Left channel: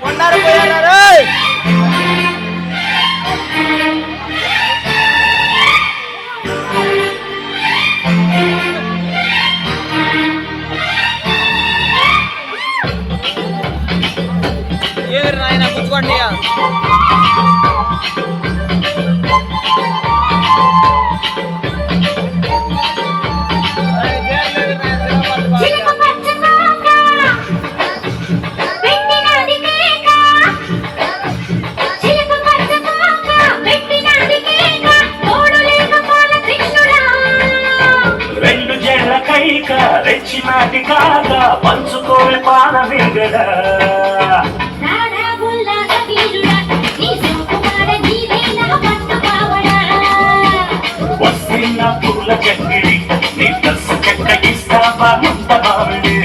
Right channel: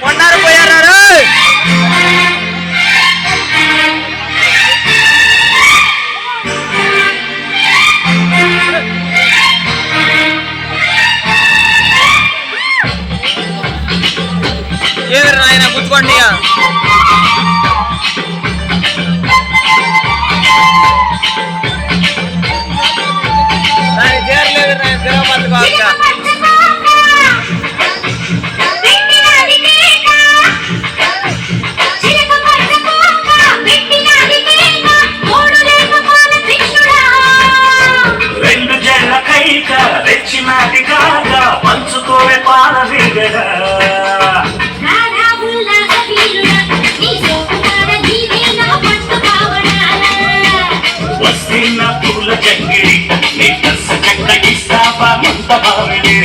కొన్నారు పోయారు ఏరు నాయన గుర్తుకోండి రెచ్చిమాటి కాక పంచుకోవే పాల విగడ వస్తున్న పూల చక్కిడి నీ కసు చెక్క ఇస్తావా ముంత బావిడి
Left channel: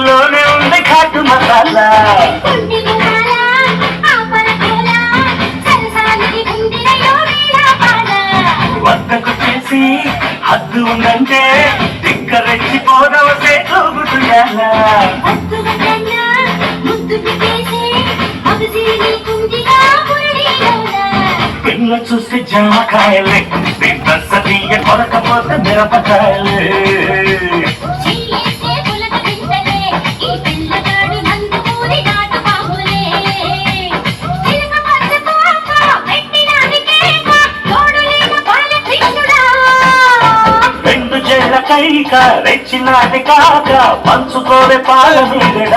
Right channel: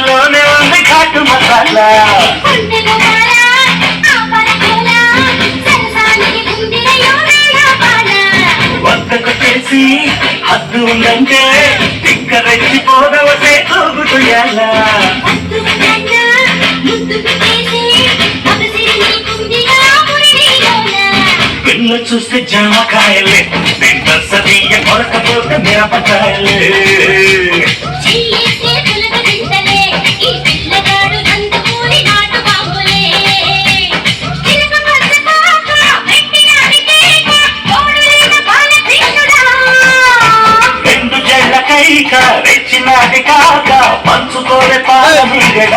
లోనే ఉంది కాటు మసాలా వద్దకు చేసి హద్దు ఉందంటే దిక్క రెచ్చిపోదవసే తోగుతుయాలా పిల్ల చూస్తే జామకాయలే బస్సదీయ కొరకపోతే మిరపకాయలే కైక రెచ్చినాటి కాక పంచుకోలే పాల మిగడ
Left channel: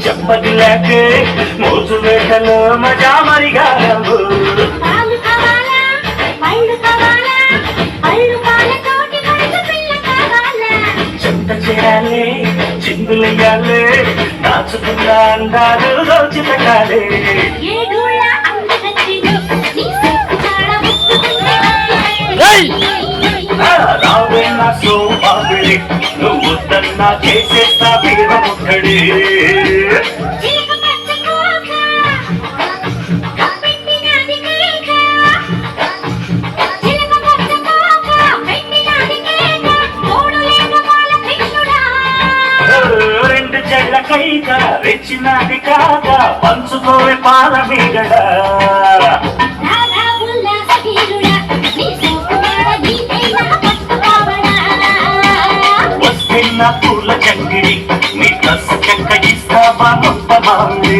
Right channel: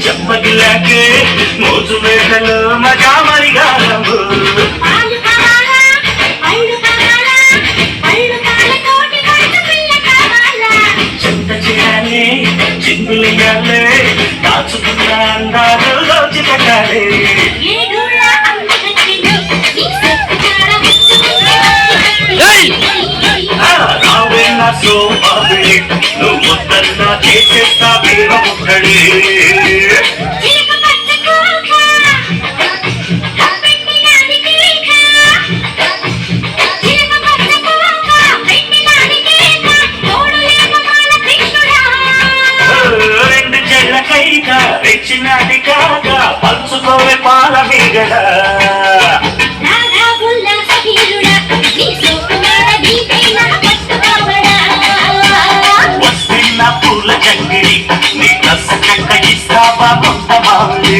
చెప్పదిలాకే మోజు వేటలో మజా మరిగాలము చెంత చేయాలి చిందులయ్యాలి దాచుకున్న అందాలు రోజు పెట్టాలి రావే నా సోమాబిడి నువ్వు వద్దన్నా చేసేస్తా వీర ముట్టడి రెండు చెళ్ళ కైక రెచ్చినాటి కాక పంచుకోవే పాల మిగడ వస్తున్న పూల చంగిడి నీ కసు చెక్క ఇస్తావా కొంత బాగుంది